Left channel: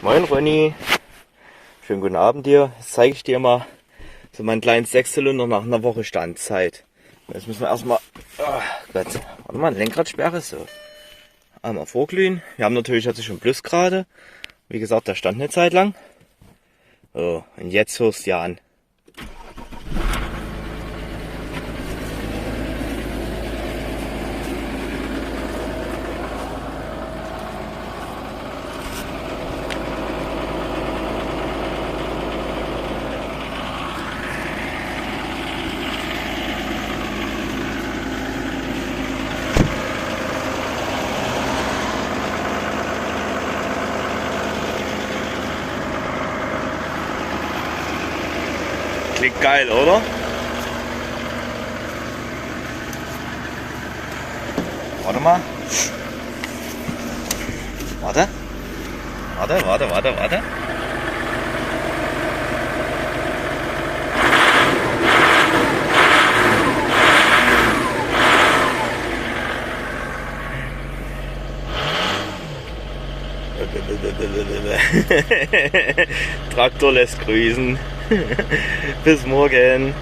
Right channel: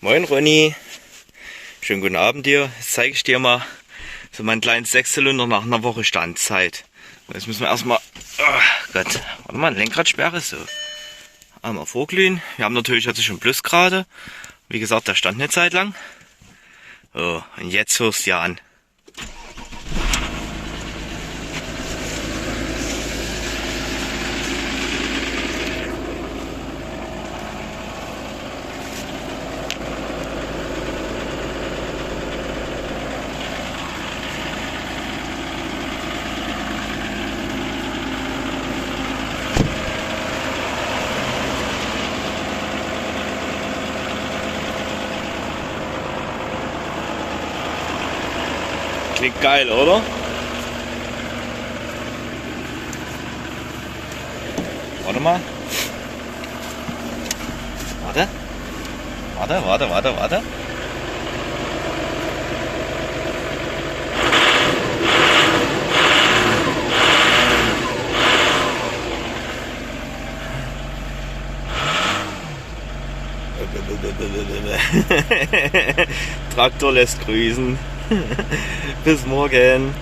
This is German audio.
Moin Ronny, schönen guten Abend dir. Jetzt zeige ich dir mal so meinen kleinen Sechszylinder nach einer Woche Standzeit. Jetzt müssen wir erstmal, oh Gott, warte mal, Lenkradsperre, so. Einmal vorglühen. Wir haben natürlich jetzt schon Plusgrade. Wie gesagt, der stand eine Zeit lang. So, und jetzt hörst du ja an. Klingt geil, oder? Warte mal. Warte. Warte. Traktor lässt grüßen. Bis morgen.